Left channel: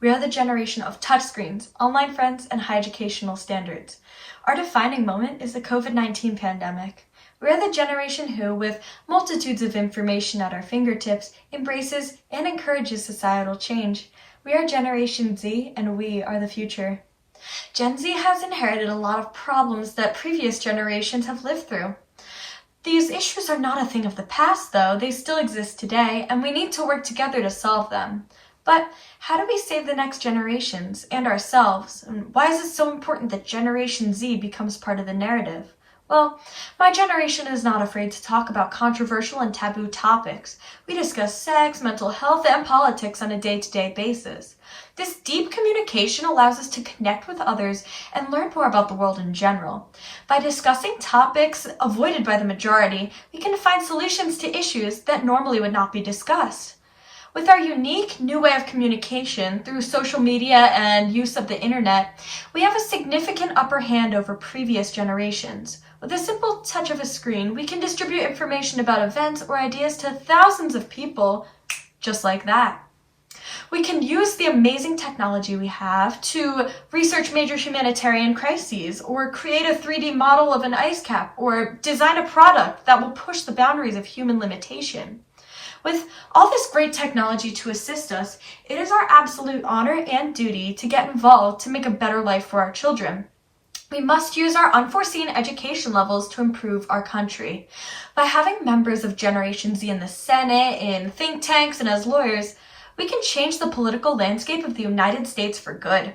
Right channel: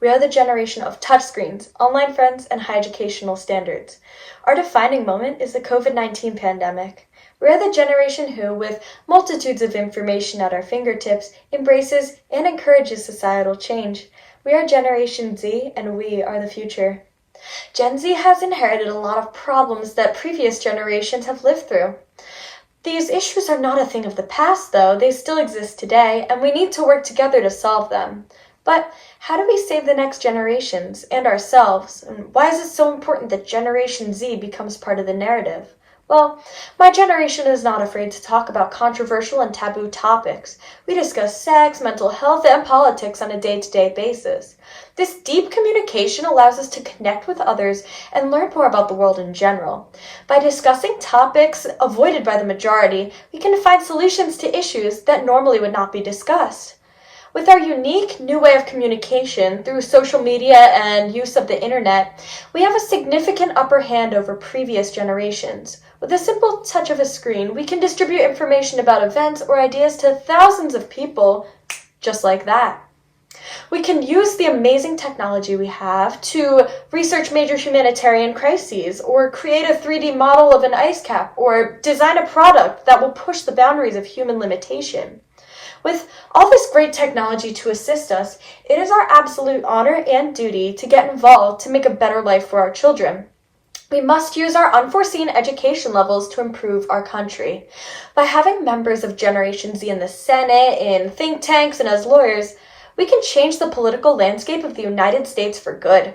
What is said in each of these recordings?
We are the generation of touchscreens, online friends, and high educational standards. Our defining moment is the COVID-19 pandemic. We are the generation who, with multitudes of information at our fingertips, embraces and encourages societal change. We are Generation Z, and we are the future. Gen Z has inherited a lot of problems that previous generations have lived through. These issues are not a thing of the past, though. They still exist today, and we need to work together to solve them. But how do we save the next generations and ourselves? And why is it so important that Generation Z becomes part of the narrative? Well, my generation is not afraid to talk about controversial and taboo topics. We discuss sex, mental health, and politics on a day-to-day basis. This deep communication allows us to connect with others and learn more about the world in general. By discussing topics avoided by the majority, we can find solutions to issues that normally would not be discussed. With our unique new way of communication through social media and use of the internet, we have a significant upper hand over previous generations. With a simple touch of a screen, we can distribute information about events or ideas to thousands of people just like that. We can use the amazing technology we have to research major humanitarian crises, or create a 3D model of an ice cap, or design a product that will push the boundaries of human limitation. With all this great technology to assist us, it is our absolute honor and duty to get involved to make a better life for our children. We must use our unforeseen education levels to improve our country. By having members of Generation Z in the Senate, in think tanks, and as lawyers, we can change the political landscape of the United States for good.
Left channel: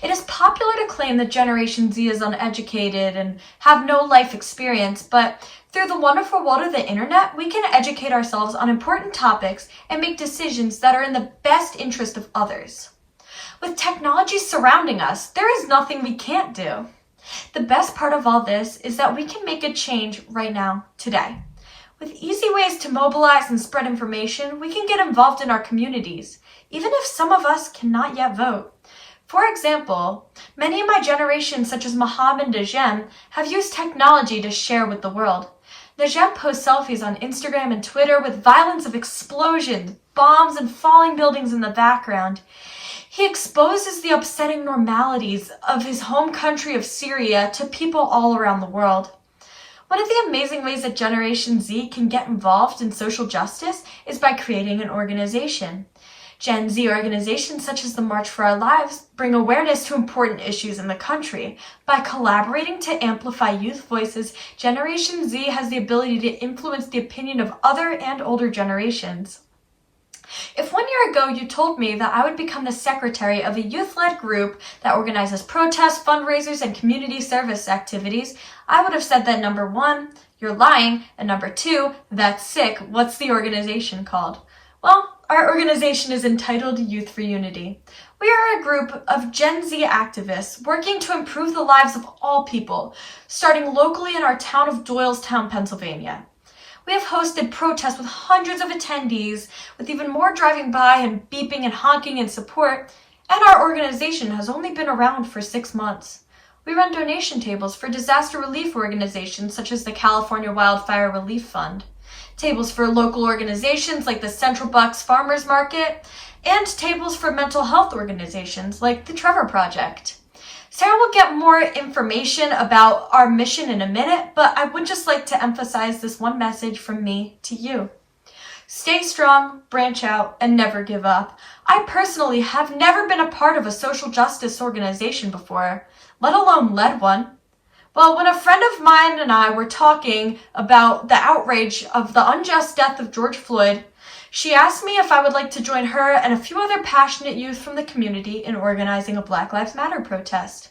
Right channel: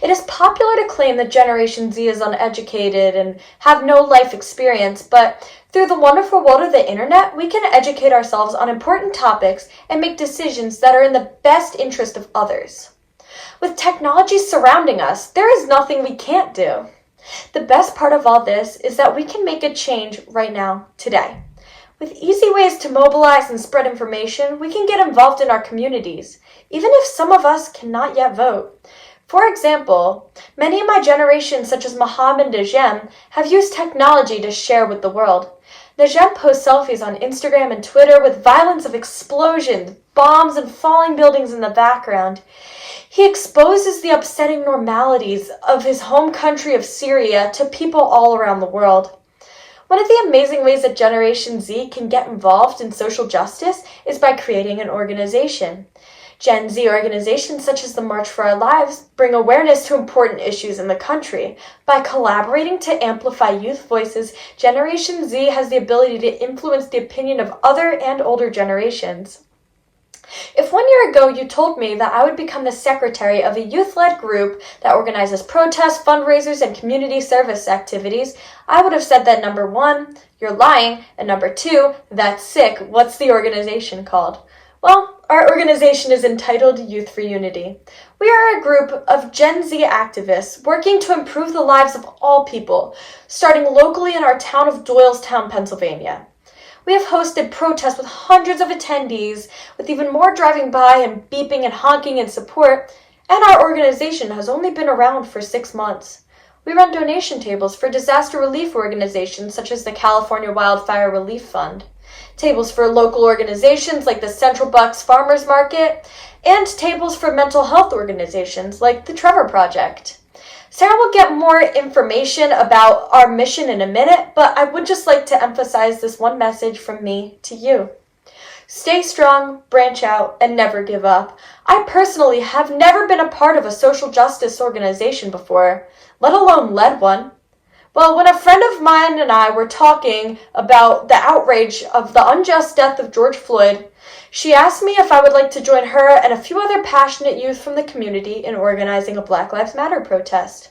It is popular to claim that Generation Z is uneducated and have no life experience, but through the wonderful world of the internet, we can educate ourselves on important topics and make decisions that are in the best interest of others. With technology surrounding us, there is nothing we can't do. The best part of all this is that we can make a change right now, today. With easy ways to mobilize and spread information, we can get involved in our communities, even if some of us cannot yet vote. For example, many in my generation, such as Mohammed and Zhang, have used technology to share with the world. Zhang posts selfies on Instagram and Twitter with violence of explosions, bombs, and falling buildings in the background. He exposes the upsetting normalities of his home country of Syria to people all around the world. One of the amazing ways that Generation Z can get involved in social justice is by creating an organization. Gen Z organizations such as the March for Our Lives bring awareness to important issues in the country. By collaborating to amplify youth voices, Generation Z has the ability to influence the opinion of other and older generations. If 1 year ago you told me that I would become the secretary of a youth-led group that organizes protests, fundraisers, and community service activities, I would have said that number 1, you're lying, and number 2, that's sick. What's the organization called? Well, our organization is entitled Youth for Unity. We are a group of Gen Z activists working to improve the lives of all people, starting locally in our town of Doylestown, Pennsylvania. We have hosted protests with hundreds of attendees, with even more driving by and beeping and honking in support, and our organization has only been around for 6 months. We run donation tables for disaster relief organizations such as the California Wildfire Relief Fund, tables for local organizations like the Central Bucks Farmers Market, and tables for mental health organizations like the Trevor Project. Sarah will get more information about our mission in a minute, but I would just like to emphasize this one message from me to you. Stay strong, branch out, and never give up. I personally have never been a part of a social justice organization before, let alone led one. Well, when a friend of mine and I were talking about the outrage of the unjust death of George Floyd, she asked me if I would like to join her and a few other passionate youth from the community in organizing a Black Lives Matter protest.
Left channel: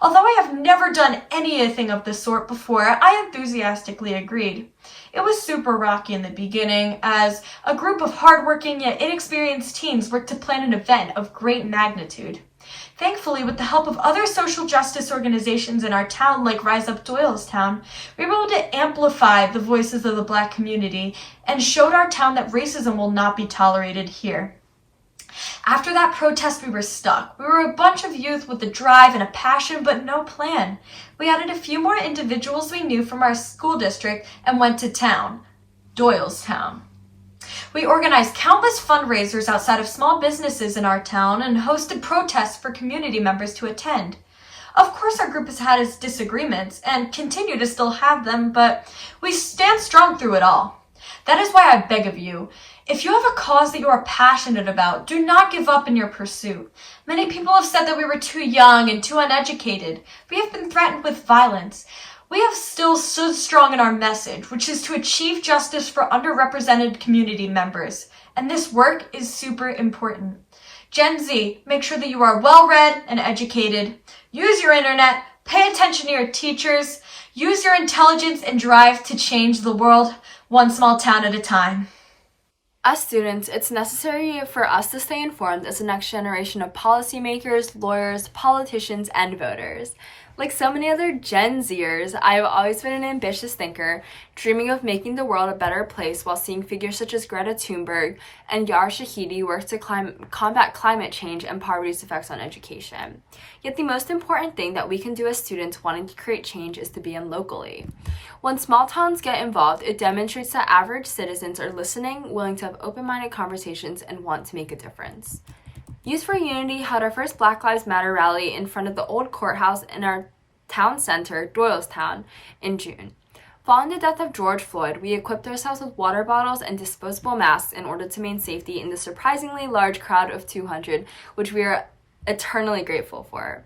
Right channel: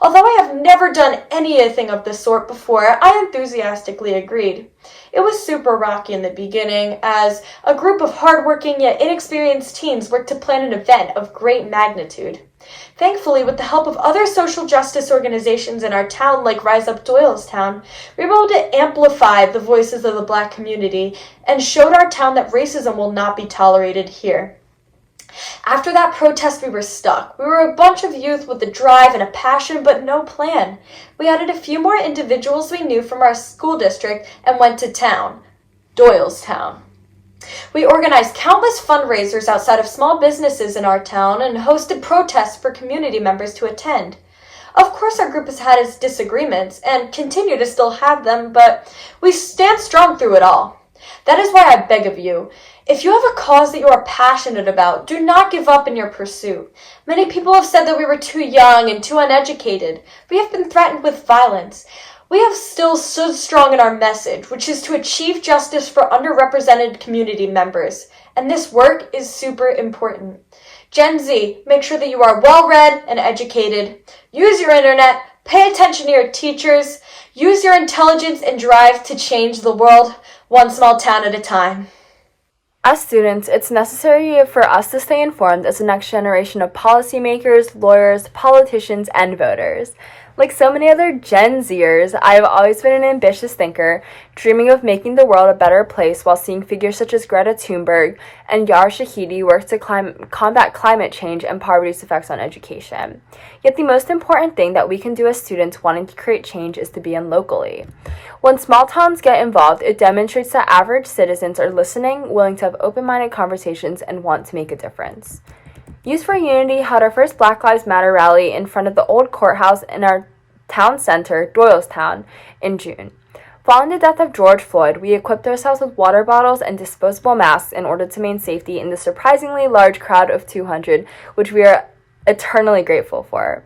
Although I have never done anything of the sort before, I enthusiastically agreed. It was super rocky in the beginning, as a group of hardworking yet inexperienced teens worked to plan an event of great magnitude. Thankfully, with the help of other social justice organizations in our town like Rise Up Doylestown, we were able to amplify the voices of the Black community and showed our town that racism will not be tolerated here. After that protest, we were stuck. We were a bunch of youth with a drive and a passion, but no plan. We added a few more individuals we knew from our school district and went to town, Doylestown. We organized countless fundraisers outside of small businesses in our town and hosted protests for community members to attend. Of course, our group has had its disagreements and continue to still have them, but we stand strong through it all. That is why I beg of you, if you have a cause that you are passionate about, do not give up in your pursuit. Many people have said that we were too young and too uneducated. We have been threatened with violence. We have still stood strong in our message, which is to achieve justice for underrepresented community members. And this work is super important. Gen Z, make sure that you are well-read and educated. Use your internet. Pay attention to your teachers. Use your intelligence and drive to change the world, one small town at a time. As students, it's necessary for us to stay informed as the next generation of policymakers, lawyers, politicians, and voters. Like so many other Gen Zers, I have always been an ambitious thinker, dreaming of making the world a better place while seeing figures such as Greta Thunberg and Yar Shahidi work to combat climate change and poverty's effects on education. Yet the most important thing that we can do as students wanting to create change is to begin locally. When small towns get involved, it demonstrates that average citizens are listening, willing to have open-minded conversations, and want to make a difference. Youth for Unity held our first Black Lives Matter rally in front of the old courthouse in our town center, Doylestown, in June. Following the death of George Floyd, we equipped ourselves with water bottles and disposable masks in order to maintain safety in the surprisingly large crowd of 200, which we are eternally grateful for.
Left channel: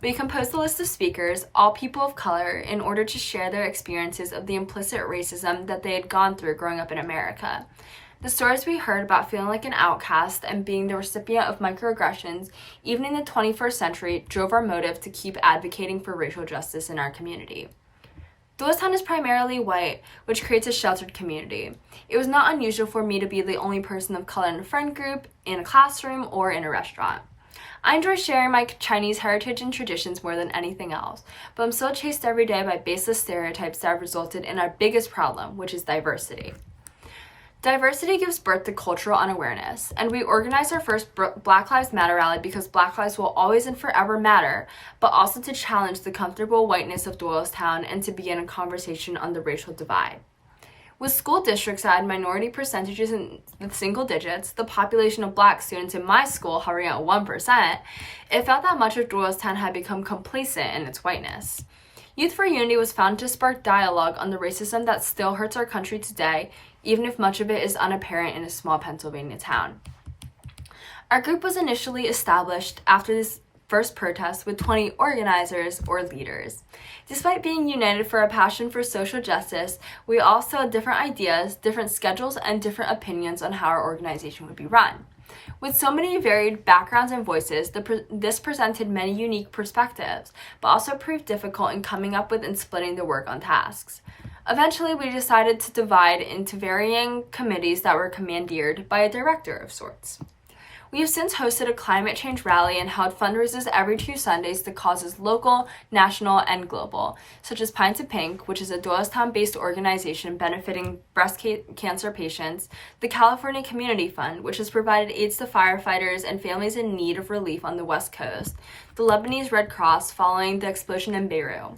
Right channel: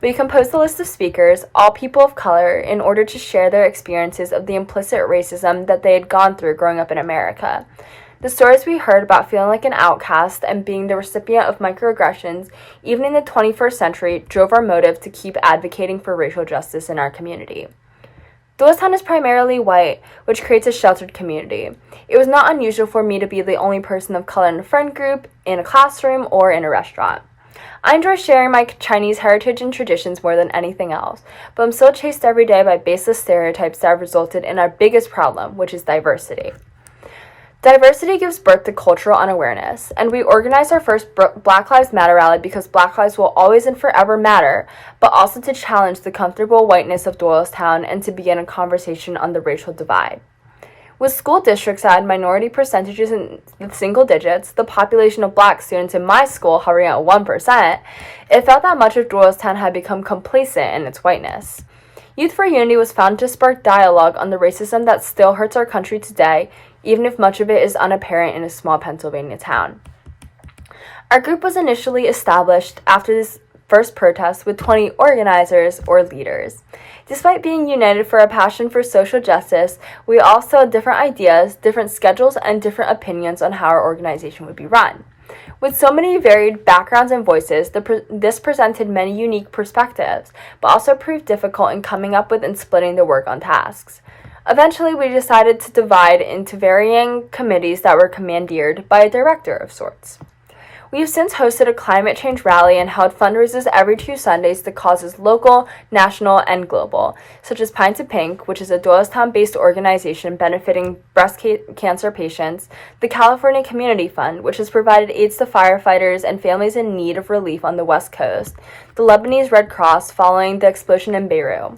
We composed a list of speakers, all people of color, in order to share their experiences of the implicit racism that they had gone through growing up in America. The stories we heard about feeling like an outcast and being the recipient of microaggressions, even in the 21st century, drove our motive to keep advocating for racial justice in our community. Doylestown is primarily white, which creates a sheltered community. It was not unusual for me to be the only person of color in a friend group, in a classroom, or in a restaurant. I enjoy sharing my Chinese heritage and traditions more than anything else, but I'm still chased every day by baseless stereotypes that have resulted in our biggest problem, which is diversity. Diversity gives birth to cultural unawareness, and we organized our first Black Lives Matter rally because Black lives will always and forever matter, but also to challenge the comfortable whiteness of Doylestown and to begin a conversation on the racial divide. With school districts that had minority percentages in the single digits, the population of Black students in my school hovering at 1%, it felt that much of Doylestown had become complacent in its whiteness. Youth for Unity was founded to spark dialogue on the racism that still hurts our country today, even if much of it is unapparent in a small Pennsylvania town. Our group was initially established after this first protest with 20 organizers or leaders. Despite being united for a passion for social justice, we also had different ideas, different schedules, and different opinions on how our organization would be run. With so many varied backgrounds and voices, this presented many unique perspectives, but also proved difficult in coming up with and splitting the work on tasks. Eventually, we decided to divide into varying committees that were commandeered by a director of sorts. We have since hosted a climate change rally and held fundraisers every 2 Sundays to causes local, national, and global, such as Pine to Pink, which is a Doylestown-based organization benefiting breast cancer patients, the California Community Fund, which has provided aids to firefighters and families in need of relief on the West Coast, the Lebanese Red Cross following the explosion in Beirut.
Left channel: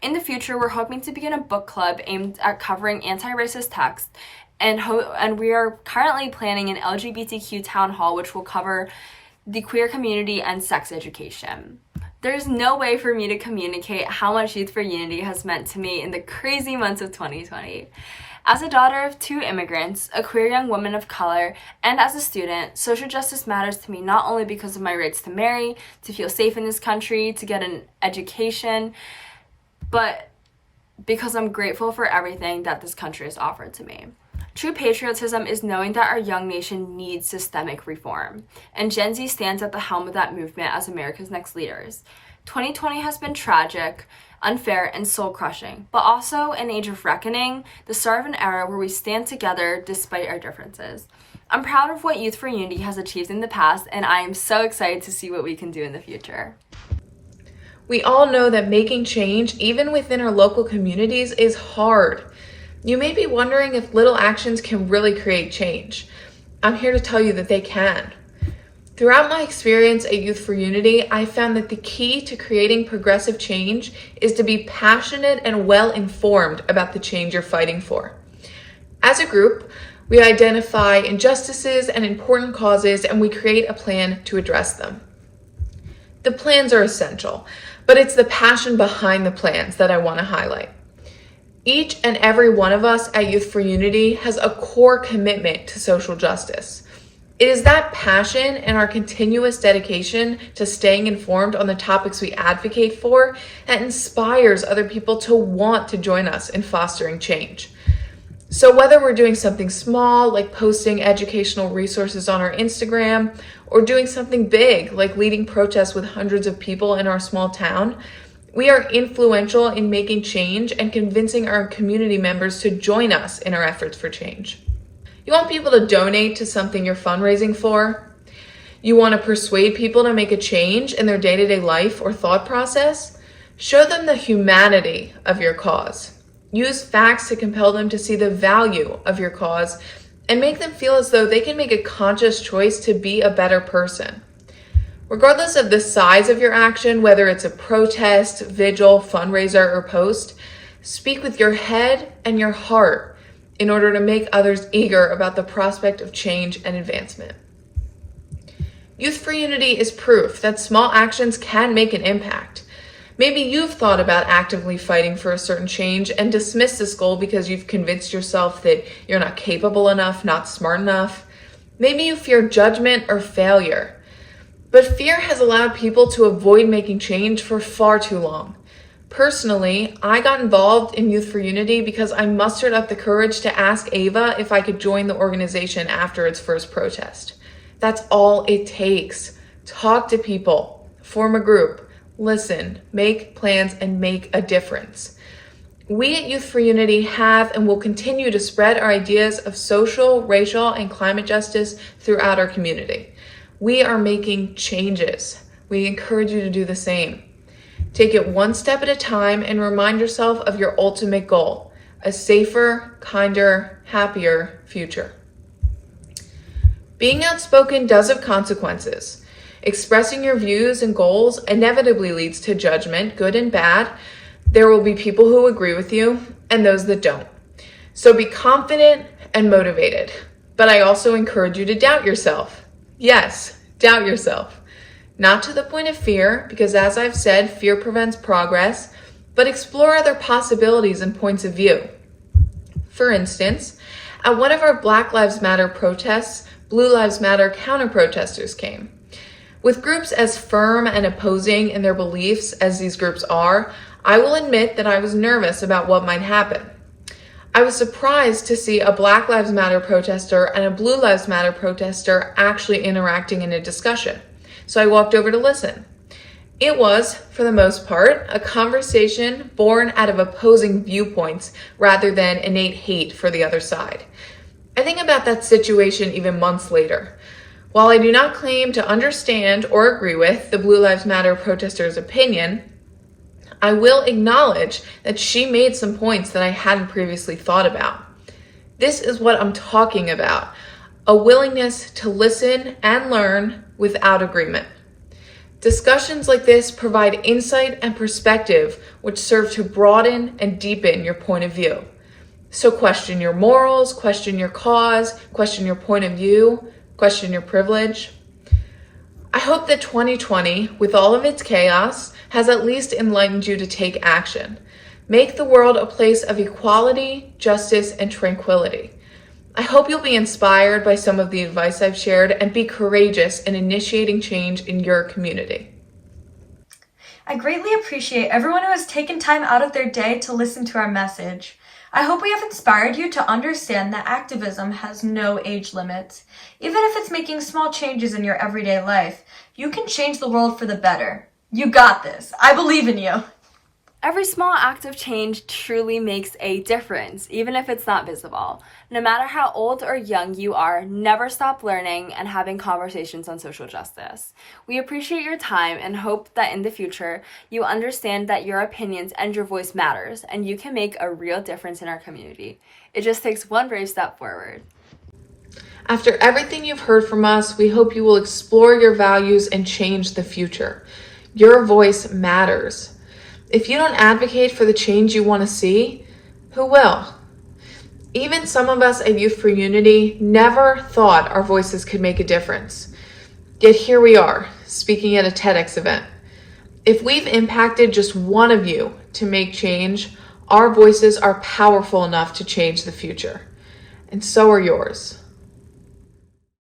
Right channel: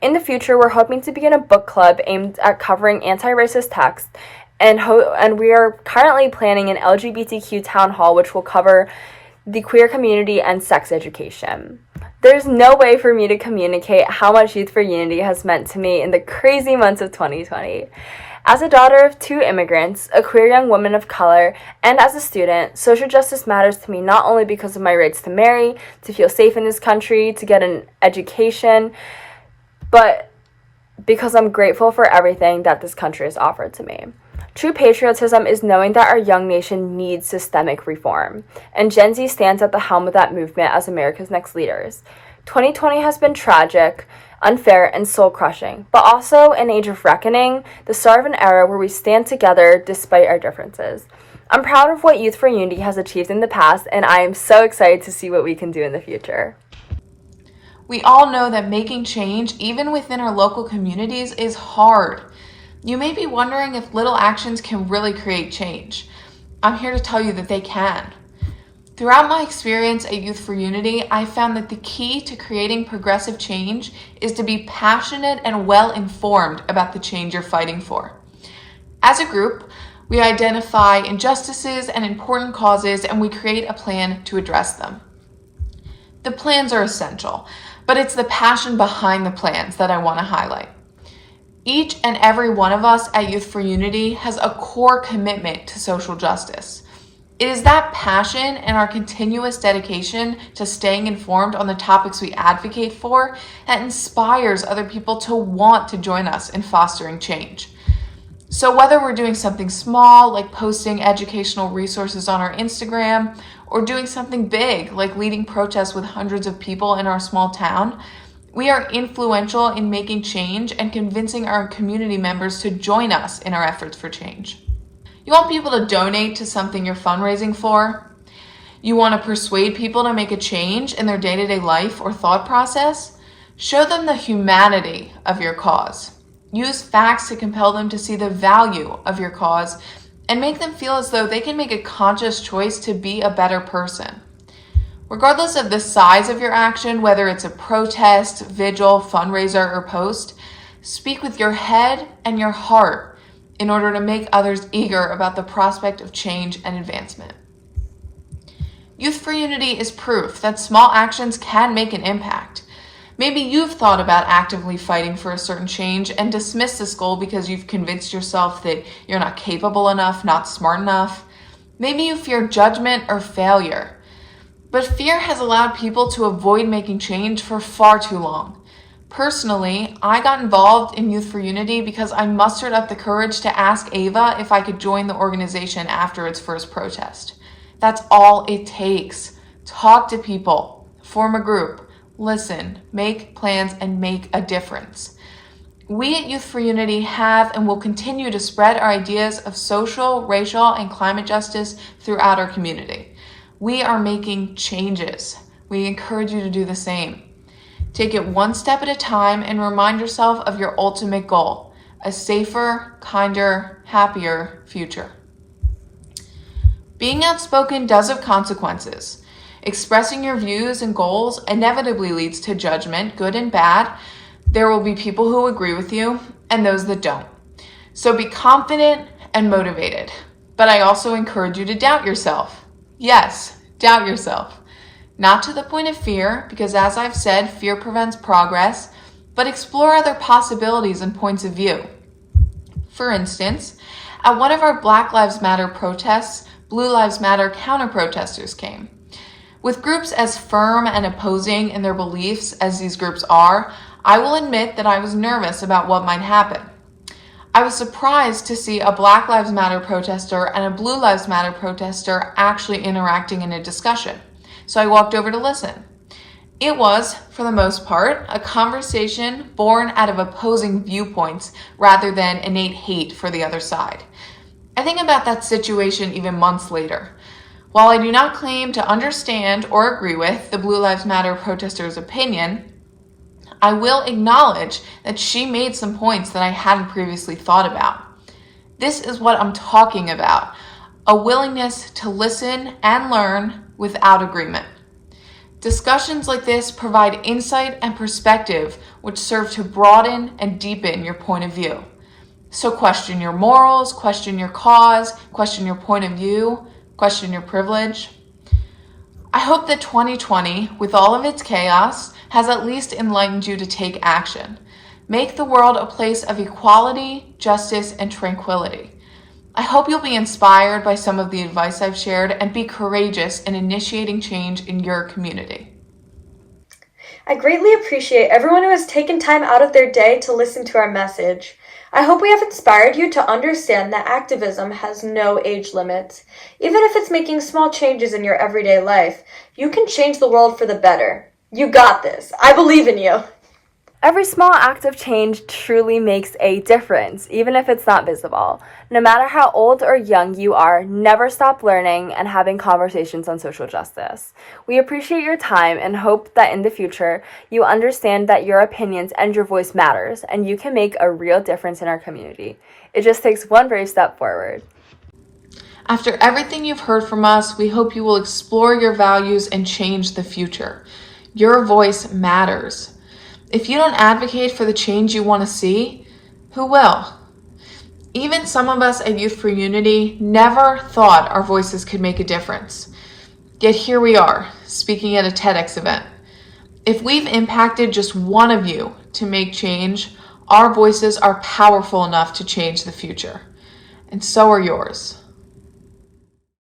In the future, we're hoping to begin a book club aimed at covering anti-racist texts, and we are currently planning an LGBTQ town hall which will cover the queer community and sex education. There's no way for me to communicate how much Youth for Unity has meant to me in the crazy months of 2020. As a daughter of 2 immigrants, a queer young woman of color, and as a student, social justice matters to me not only because of my rights to marry, to feel safe in this country, to get an education, but because I'm grateful for everything that this country has offered to me. True patriotism is knowing that our young nation needs systemic reform, and Gen Z stands at the helm of that movement as America's next leaders. 2020 has been tragic, unfair, and soul-crushing, but also an age of reckoning, the start of an era where we stand together despite our differences. I'm proud of what Youth for Unity has achieved in the past, and I am so excited to see what we can do in the future. We all know that making change, even within our local communities, is hard. You may be wondering if little actions can really create change. I'm here to tell you that they can. Throughout my experience at Youth for Unity, I found that the key to creating progressive change is to be passionate and well-informed about the change you're fighting for. As a group, We identify injustices and important causes, and we create a plan to address them. The plans are essential, but it's the passion behind the plans that I want to highlight. Each and every one of us at Youth for Unity has a core commitment to social justice. It is that passion and our continuous dedication to staying informed on the topics we advocate for that inspires other people to want to join us in fostering change. So whether we're doing something small, like posting educational resources on our Instagram, or doing something big, like leading protests with hundreds of people in our small town, we are influential in making change and convincing our community members to join us in our efforts for change. You want people to donate to something you're fundraising for? You want to persuade people to make a change in their day-to-day life or thought process? Show them the humanity of your cause. Use facts to compel them to see the value of your cause and make them feel as though they can make a conscious choice to be a better person. Regardless of the size of your action, whether it's a protest, vigil, fundraiser, or post, speak with your head and your heart in order to make others eager about the prospect of change and advancement. Youth for Unity is proof that small actions can make an impact. Maybe you've thought about actively fighting for a certain change and dismissed this goal because you've convinced yourself that you're not capable enough, not smart enough. Maybe you fear judgment or failure. But fear has allowed people to avoid making change for far too long. Personally, I got involved in Youth for Unity because I mustered up the courage to ask Ava if I could join the organization after its first protest. That's all it takes. Talk to people, form a group, listen, make plans, and make a difference. We at Youth for Unity have and will continue to spread our ideas of social, racial, and climate justice throughout our community. We are making changes. We encourage you to do the same. Take it one step at a time and remind yourself of your ultimate goal, a safer, kinder, happier future. Being outspoken does have consequences. Expressing your views and goals inevitably leads to judgment, good and bad. There will be people who agree with you and those that don't. So be confident and motivated. But I also encourage you to doubt yourself. Yes, doubt yourself. Not to the point of fear, because as I've said, fear prevents progress, but explore other possibilities and points of view. For instance, at one of our Black Lives Matter protests, Blue Lives Matter counter-protesters came. With groups as firm and opposing in their beliefs as these groups are, I will admit that I was nervous about what might happen. I was surprised to see a Black Lives Matter protester and a Blue Lives Matter protester actually interacting in a discussion. So I walked over to listen. It was, for the most part, a conversation born out of opposing viewpoints rather than innate hate for the other side. I think about that situation even months later. While I do not claim to understand or agree with the Blue Lives Matter protester's opinion, I will acknowledge that she made some points that I hadn't previously thought about. This is what I'm talking about, a willingness to listen and learn without agreement. Discussions like this provide insight and perspective which serve to broaden and deepen your point of view. So question your morals, question your cause, question your point of view, question your privilege. I hope that 2020, with all of its chaos, has at least enlightened you to take action. Make the world a place of equality, justice, and tranquility. I hope you'll be inspired by some of the advice I've shared and be courageous in initiating change in your community. I greatly appreciate everyone who has taken time out of their day to listen to our message. I hope we have inspired you to understand that activism has no age limit. Even if it's making small changes in your everyday life, you can change the world for the better. You got this. I believe in you. Every small act of change truly makes a difference, even if it's not visible. No matter how old or young you are, never stop learning and having conversations on social justice. We appreciate your time and hope that in the future, you understand that your opinions and your voice matters, and you can make a real difference in our community. It just takes one brave step forward. After everything you've heard from us, we hope you will explore your values and change the future. Your voice matters. If you don't advocate for the change you want to see, who will? Even some of us at Youth for Unity never thought our voices could make a difference. Yet here we are, speaking at a TEDx event. If we've impacted just one of you to make change, our voices are powerful enough to change the future. And so are yours.